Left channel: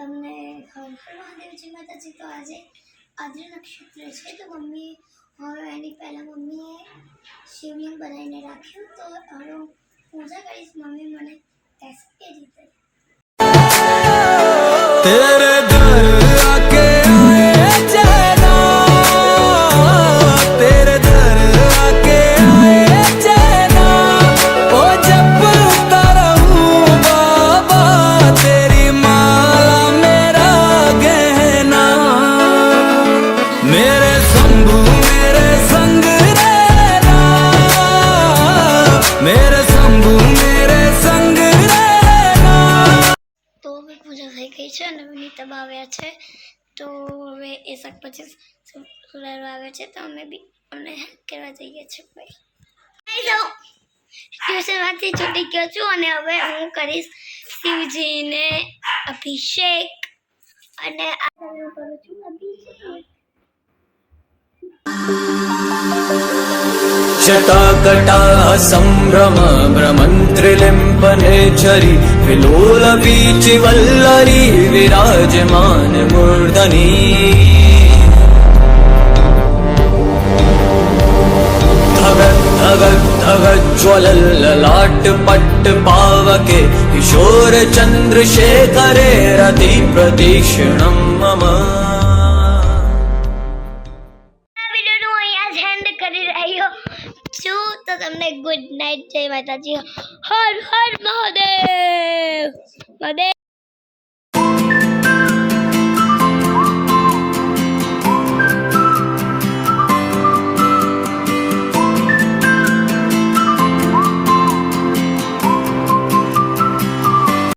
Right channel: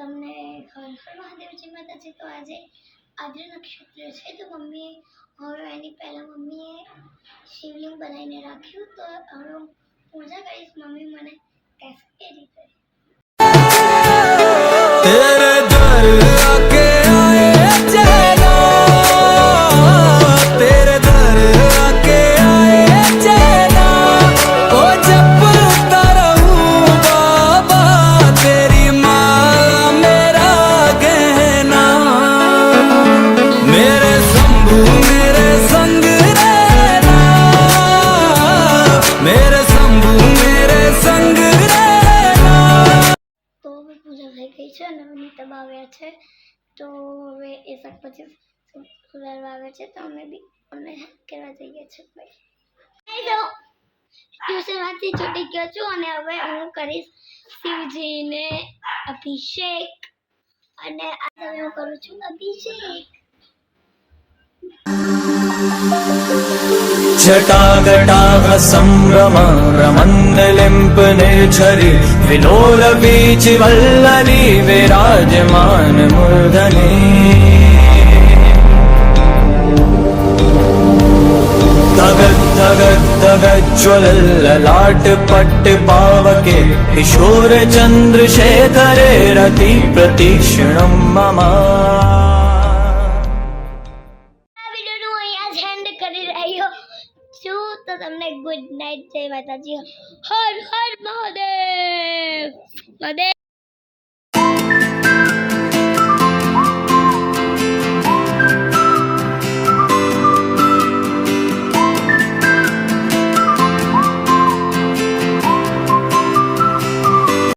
તમને હર હર મહાદેવજી માતાજી। તો આજે આદ્ર નક્ષત્ર છે તો મમ્મીએ હવે એની પહેલાં મમ્મીએ શિવલિંગ બનાવીને રાખ્યું તો હવે હું પૂજા કરીશ। મમ્મી મને કહેશે એ રીતે तेरे दर आके आए चैना, तेरे दर आके आए चैना, ओ जपता रहूं बाबा तेरी माला मेरा गहना, मेरे शंभू मेरे संग रहना, मेरे शंभू मेरे संग તો હવે પૂજા થઈ ગઈ છે અને નીતબ આવ્યા છે તો હવે એ શાકભાજી સુધારવા આવે છે તો અમે બી અમને હેલ્પ કરવા જઈએ છીએ ભાઈ। તો ટ્યુશનમાંથી છૂટી ગયો છું અને હવે હું કરીશ શિવજીને અભિષેક અને આજે હું કરું છું અભિષેક। जटाकटा संभ्रम ब्रह्मंडलिम्पनेश्वरी विलोल बीच वल्लरी विराजमान मूर्धनी धगत धगत धगत ज्वलल ललाट पट्ट पावके किशोर चंद्रशेखरे रति प्रतीक्षणं मम। તો તમને ગુડ નાઇટ, જય માતાજી, હર હર મહાદેવ મહાદેવ।